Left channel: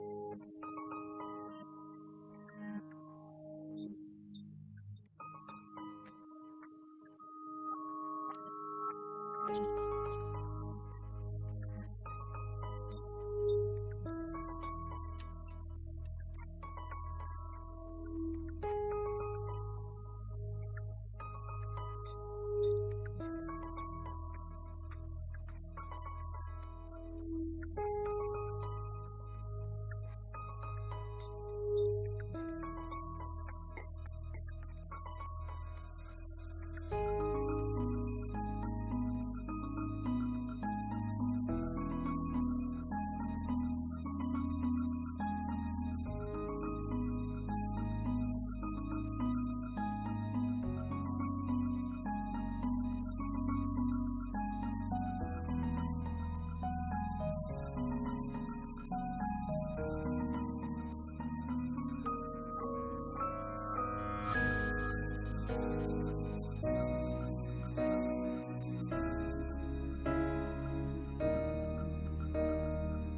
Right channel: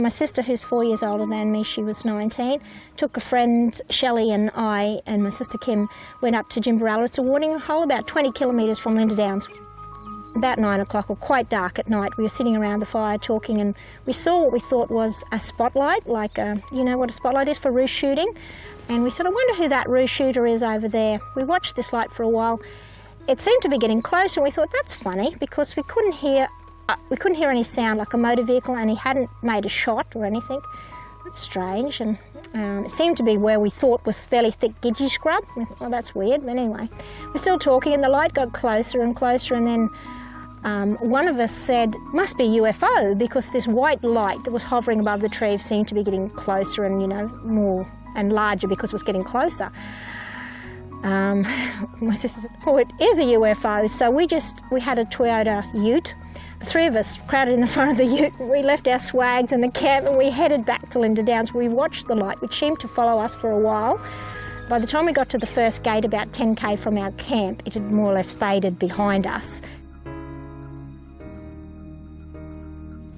My sister, who's 4 years older than me, she was 19, took a friend, Shelley, and I, and my sister Kim, went up to Jimbarella. It's a watering hole about 20 kilometres from Linda Downs. About 9 o'clock, or quite dark at night, we were sitting around the fire talking, and we saw what we thought was a spotlight, like you know what a spotlight is for roost shooting. And we said, I wonder who that roost shooter is over there. We watched this light for a while. It seemed to be getting closer, and we thought, that's funny, because we couldn't hear any sound like a motor vehicle, and he hadn't made a shot or anything. That's strange, and it seemed to be where we thought was fairly thick gidgee scrub. We thought, well, that's weird, but anyway. We're still talking, and the light got closer and closer, and then one of us said, must be a UFO, because this white light that was hovering above the tree seemed to be getting closer and, you know, more and larger because it was getting closer. My sister said, oh, it is a UFO. So we had a Toyota ute. The three of us crowded in the front of the ute. We left our swags in the camp and we headed back to Linda Downs. We watched the light, which seemed to follow us for a while. By the time we got to the first gate, about 10k from our camp, it had more or less faded behind us.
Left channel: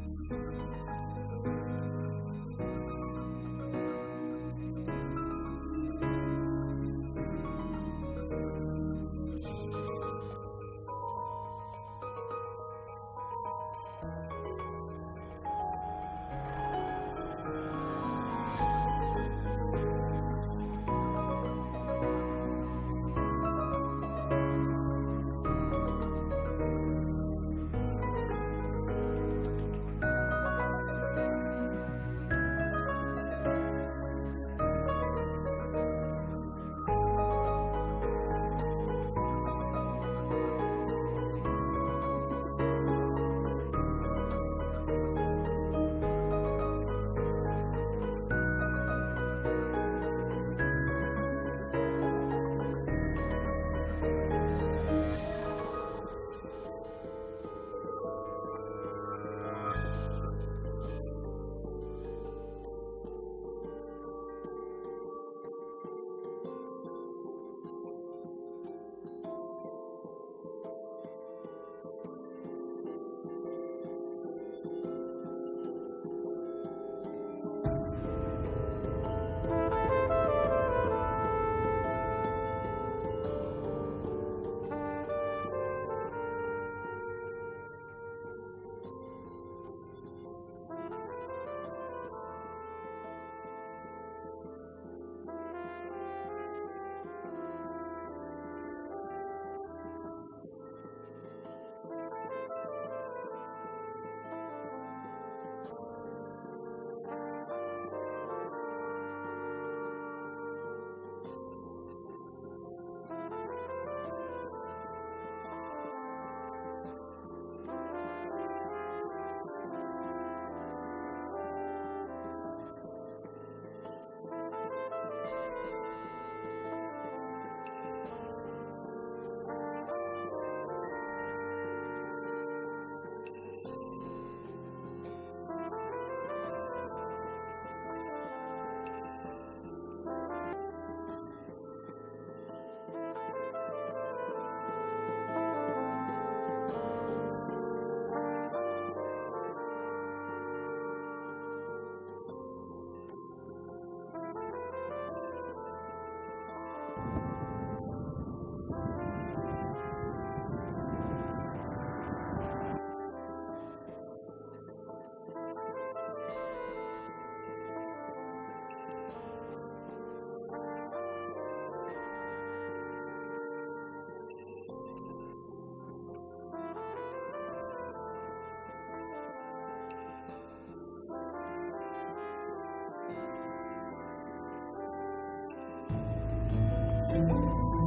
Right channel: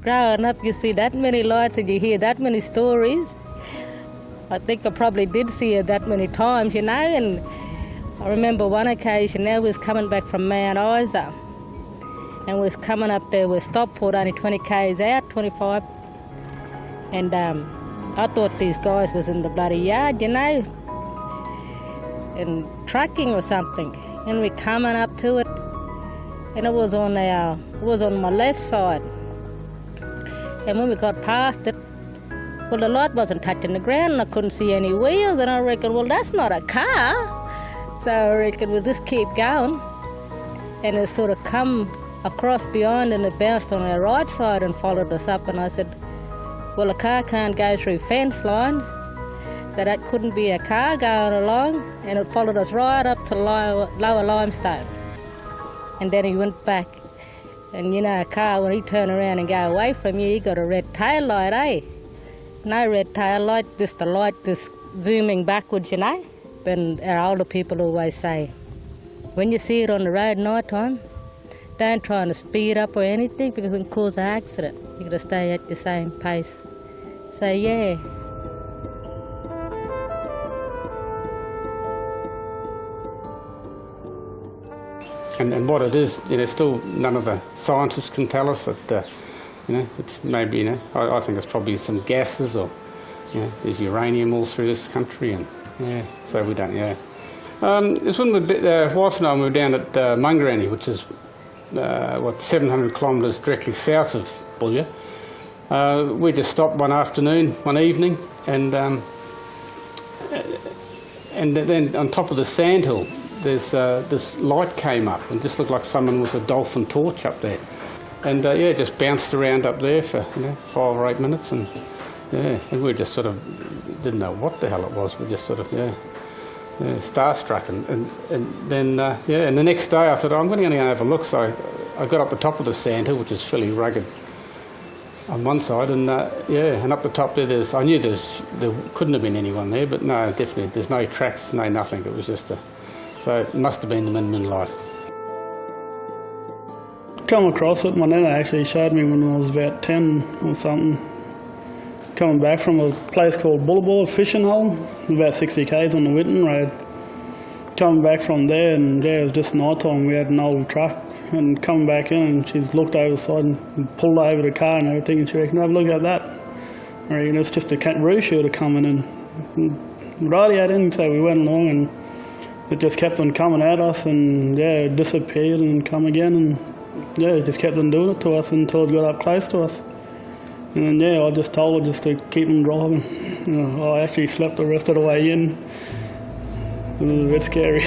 Growing up, you see that many lights and you hear that many stories. I think I probably did see it that many times, you know, and I remember one occasion we was coming back from Mount Isa, and we was coming up there with Stockport, only 20 k's out, 25, and I thought these guys was in the bloody yard, you know, and trucking or something, and we coming up to it, and it was on my left side, and when we got past it, well, the light wasn't touching the ground and I couldn't see any wheels, and I reckon, well, that's not a car. So I reckon we'll just keep going. And it sort of come across beyond and it bounced on our right side and followed us up. And I said, well, a car can't go through fence lines, so that couldn't be a car going along. And it followed us right up to lower limestone. And then he went back. And you know, a car, when he turn around and go away from you, you got a red tail light, eh? No red tail light, just the light just zooming backwards, you know. And our older people always say, when you see it on the road night time, don't try to speed up or anything because it can cause an accident. You got to stay at your same pace. So yeah. And what it is, you know, still none of the scientists can tell us that. You know, it's maybe, you know, I think it's probably some gases or, you know, there's uranium all through this country, and yeah, so we don't, yeah. It's when my wife and I were down at Mungarani, which is, 700 kilometres directly south of Boulia. We just stopped one evening, and then on top of the sandhill, there's this light came up and just looked like someone with a dolphin torch up there. And yeah, just bounced around up there for 5 or 8 minutes, and yeah, and we just sort of didn't know what the hell it was. We just sort of starstruck, and then yeah, and the next day I thought, oh, I'm going to go have a look. So I got up the top of the sandhill, which is fairly rugged on one side, and yeah, and up the top there, I knew there couldn't have been anyone there, but no, definitely there's no tracks, no nothing. It was just so it must have been the Min Min light. Come across it, my nana actually showed me when I was about 10 or something. Coming back from a place called Boulia, fishing hole, about 60 k's on the Whitton Road. Coming back from there, and yeah, it was just night time. We had an old truck, and coming back in, and she's looked over the side and pulled over the car and everything, and she reckoned, oh, look at that. I reckon it's just a roost shooter coming in. And rightly I didn't, so we went along, and it just kept on coming at us, and yeah, it disappeared and come again, and yeah, it just kept on doing it to us until it got up close to us. And then, yeah, I just told her just to keep on driving. I actually slept the rest of the way in. It was a bit scary.